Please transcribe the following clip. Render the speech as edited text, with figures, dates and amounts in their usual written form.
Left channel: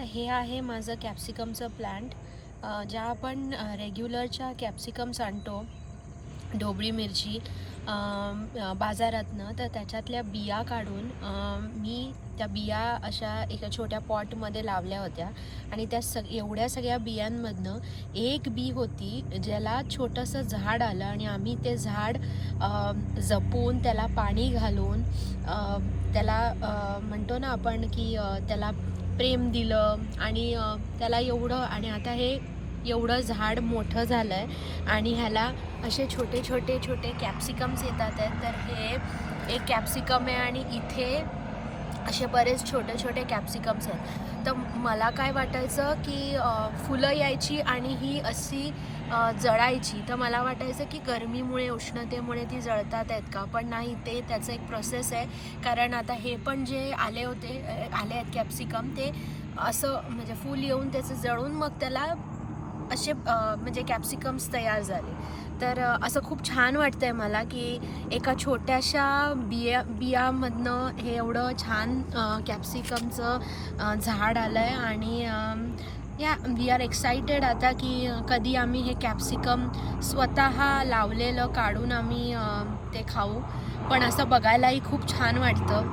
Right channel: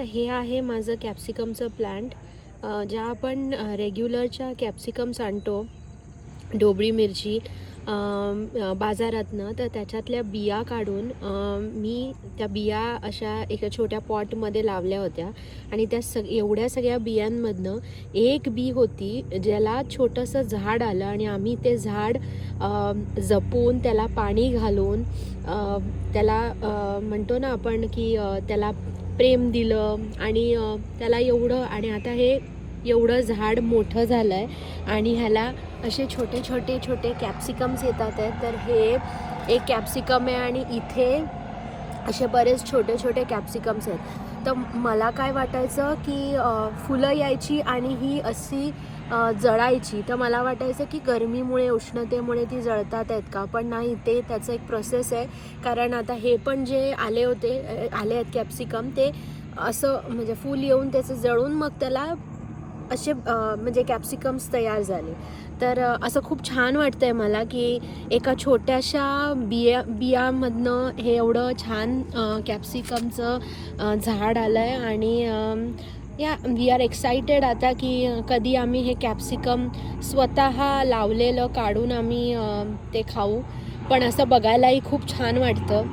तर हे आहे माझं कॅप्सिकमचं प्लांट. ज्या आपण रेग्युलरच्या कॅप्सिकम्स आणतो, ढोबळी मिरची बाजारातनं, तर त्याच्यातल्या बिया काढून मी त्या बिया अशा एका छोट्या पॉटमध्ये लावल्या होत्या आणि त्या एवढ्या सगळ्या बियांमधनं एक बी होती ज्याला छोटंसं झाड आलं आणि आम्ही ते झाड जपून त्याला पाणी घालून त्याला म्हणतो ना आपण की त्याला प्रेम दिलं आणि त्याला एवढं, आणि आता हे एवढं झाड मोठं झालं आहे आणि ह्याला असे छोटे छोटे छोटे कॅप्सिकम्स येतात आहेत. तर हे एक कॅप्सिकम आहे आणि इथे असे बरेच छोटे छोटे कॅप्सिकम्स आहेत. तर मला काय वाटायचं की फुलं यायची आणि ही अशी जळायची. तर मला वाटायचं की गरमीमुळे, उष्णतेमुळे ती जळतात आहेत का, पण नाही, ते त्याचं एक प्रोसेस आहे. कारण आता हे पण जे आले आहेत कॅप्सिकम, ते असं म्हणजे फूल येऊन त्याचं जळून मग त्याला असे म्हणजे कॅप्सिकम्स तयार झाले. तर असं खूप छान वाटतं आहे मला की एका छोट्याशा बियामधनं हे एवढं छान कॅप्सिकमचं झाड आलं आहे. आणि वी आर एक्सायटेड आता की कधी आम्ही हे कॅप्सिकम स्वतः लावलेलं काढून आम्ही ते खाऊ. पण असं बघायलाही खूप छान वाटतं.